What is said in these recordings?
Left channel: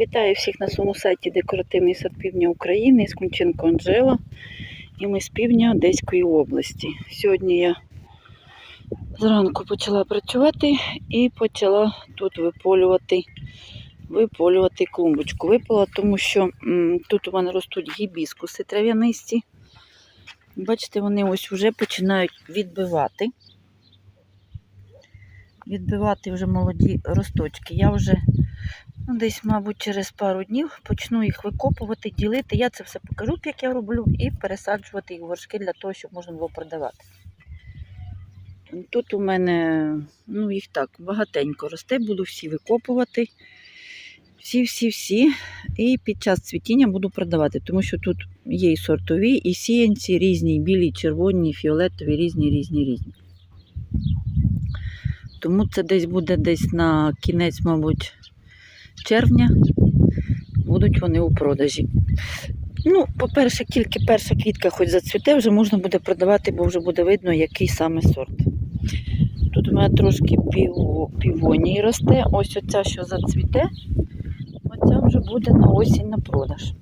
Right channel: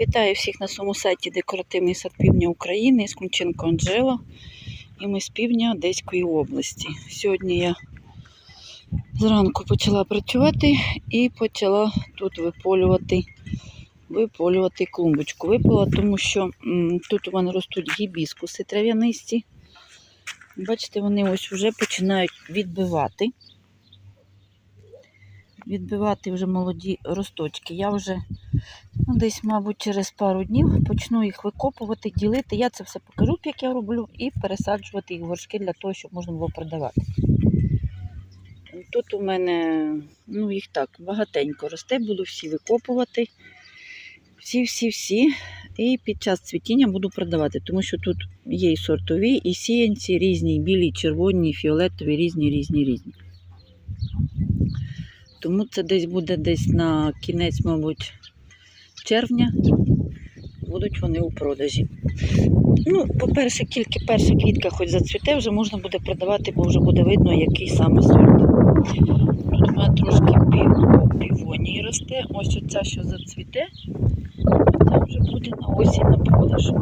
Вітаю всіх на своєму сайті Декоративний сад півдня України з Кунченко Анжела. І ми з півдня Одеської області. Сьогодні я зранку почала працювати і почала тут виполювати, виполювати клумбочку. Випола, тому що м, тут у мене ростуть гібіскуси трав'янисті. Бачите, вони ось вже починають відбивати. Відбивати вже молоді росточки. Я вже десь, мабуть, через пару днів почну їх викопувати, ділити. Я це все покажу, як я роблю, і пересаджувати їх в горшки для того, щоб можна було продавати. Тут у мене, ну, їх так, багатенько росте, буду всі викопувати. Всі-всі-всі. І під час цвітіння буду продавати, тому що тут є і сортові, і сіянці різні, білі, червоні, і фіолетові, різні, різні, різні. Тому це десь буде десь на кінець, мабуть, червня будуть вони у продажі. Ну, по-перше, тільки перша квітка хоч зацвіте, вже можна буде продавати, бо вже буде видно, який саме сорт. Тут у мене трошки пів, о, півонії росте. Ось оця, що зацвіте, оця вже буде на осінь на продаж.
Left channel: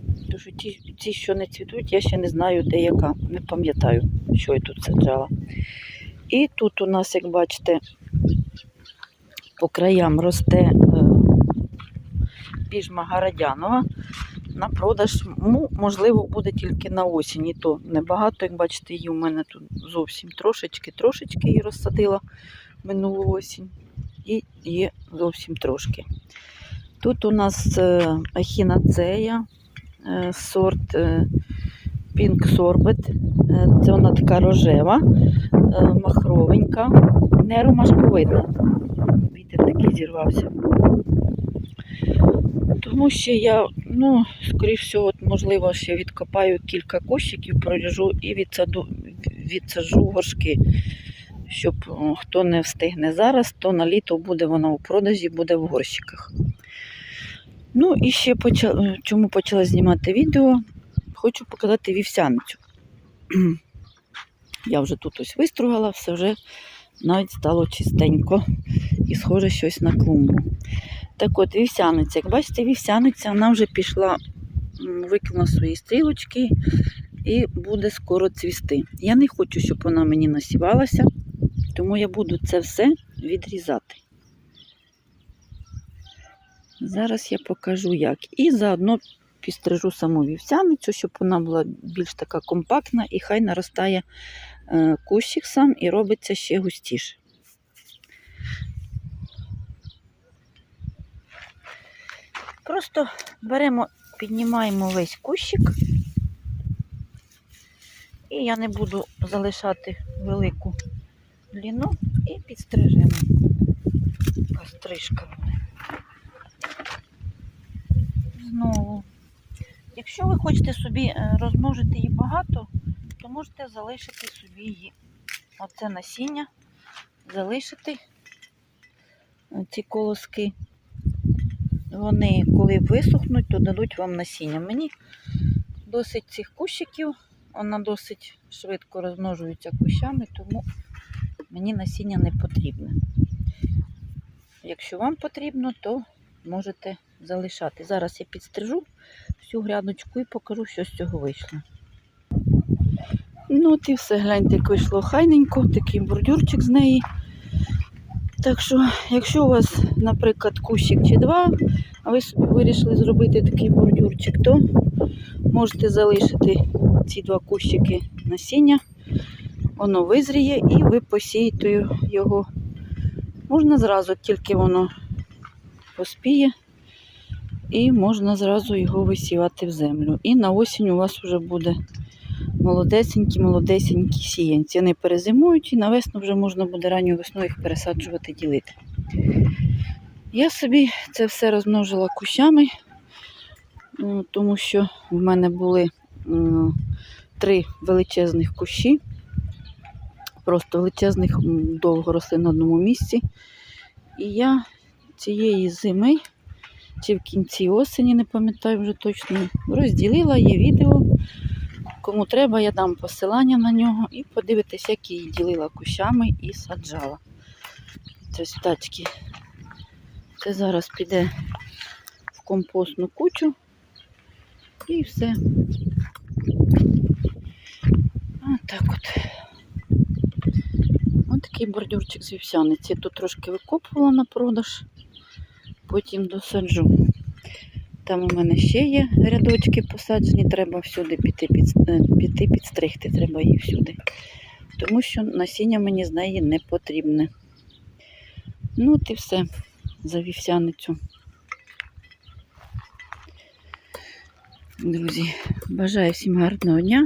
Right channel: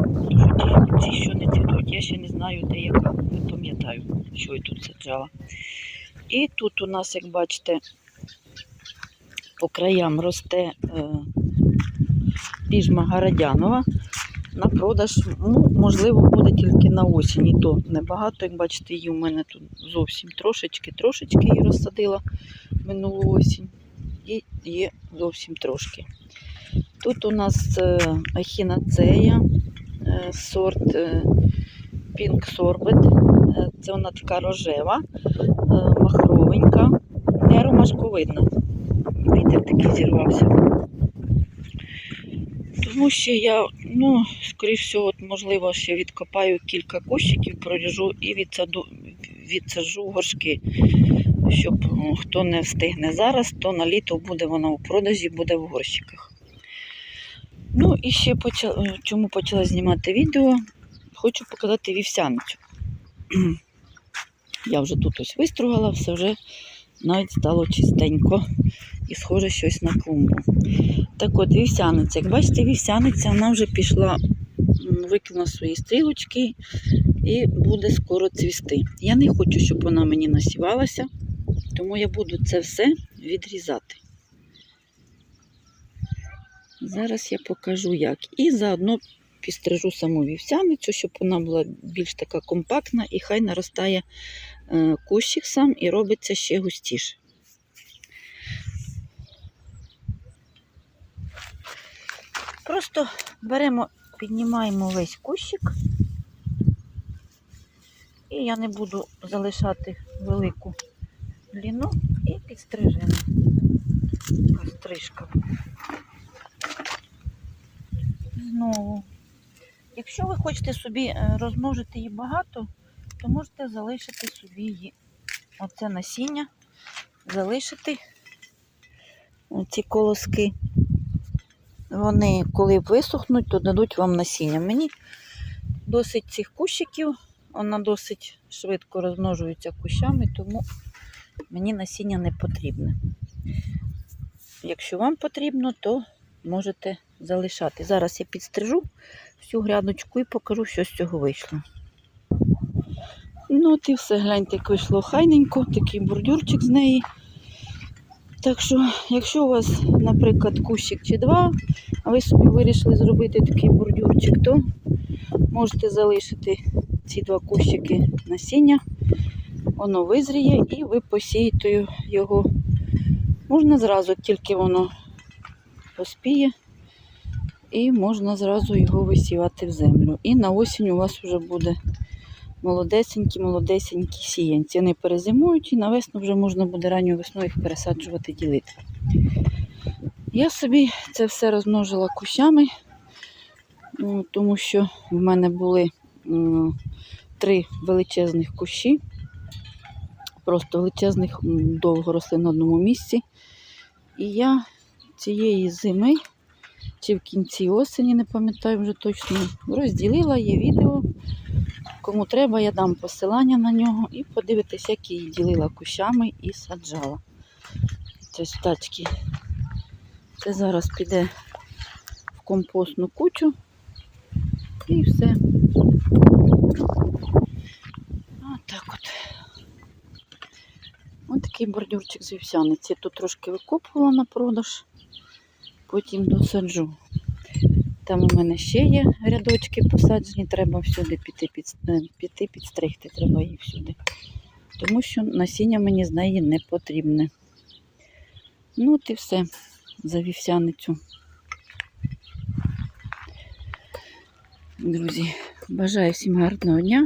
Тому що ті, що не цвітуть, я ще не знаю, де яка. Не пам'ятаю, що я тут саджала. І тут у нас, як бачите, по краям росте. Піжма Гарадянова на продаж. Ну, можливо, буде тільки на осінь. І то небагато, як бачите, її у мене тут зовсім трошечки, трошечки її розсадила минулу осінь. І є зовсім трошки. Тут у нас е, ахінацея, е, сорт е, Pink Sorbet. Це вона така рожева, махровенька, не ромашковидна. Вітер такий зірвався. Тому що я, ну, скоріш всього, от, можливо, ще відкопаю кілька кущиків, проріжу і відсаду, відсаджу горшки. Щоб хто не встигне зараз, то на літо буде вона у продажі, буде в горщиках. Ну і ще почала, чому почала знімати відео, хочу показати вівсяницю. Я вже тут ось вистругала, все вже навіть стало чистенько і схоже щось на клумбу. Так от, вівсяниця. Як бачите, вівсяниця вона вже пішла, викинула свої стрілочки і буде скоро цвісти. Я не хочу, щоб вона мені насівалася, тому я буду це все відрізати. Зараз я покажу як. І заодно підстрижу саму вівсяницю, щоб вона була більш така компактна і хай наростає е, кущик сам і робиться ще густіше. Просто беремо, піднімаємо весь кущик. І я не буду залишати велику длину і підстрижемо. Стрижка. Знову. Якщо ви хочете собі е, розмножити її багато, то можете залишити собі її. Оце насіння, залишити ці колоски. Вони, коли висохнуть, то дадуть вам насіння. Мені досить цих кущиків, вона досить швидко розмножується кущами, тому мені насіння не потрібне. Якщо вам потрібно, то можете залишати. Зараз я підстрижу всю грядочку і покажу, що з цього вийшло. Ну, от і все, гляньте, як вийшло хайненько, такий бордюрчик з неї. Так що, якщо у вас, наприклад, кущик чи два, а ви собі вирішили зробити такий бордюрчик, то можете залишити ці два кущики насіння, воно визріє і ви посієте його. Можна зразу, тільки воно поспіє, і можна зразу його висівати в землю. І на осінь у вас вже буде молодесенькі, молодесенькі сіянці. Вони перезимують і на весну вже можна буде ранньою весною їх пересаджувати, ділити. Я собі це все розмножила кущами, тому що в мене були три величезних кущі. Просто величезних довго росли на одному місці. І я цієї зими, чи в кінці осені, не пам'ятаю вже точно, розділила є відео. Кому треба, я дам посилання на нього і подивитесь, як її ділила кущами і саджала. Це. Це зараз піде в компостну кучу і все. Отак от. Ось такий бордюрчик з вівсяниці. Тут трошки викопувала на продаж, потім досаджу. Там у мене ще є рядочки посаджені, треба всюди піти, під, е, піти підстригти, треба її всюди. Тому що насіння мені з неї не потрібне. Ну, от і все за вівсяницю. Друзі, бажаю всім гарного дня.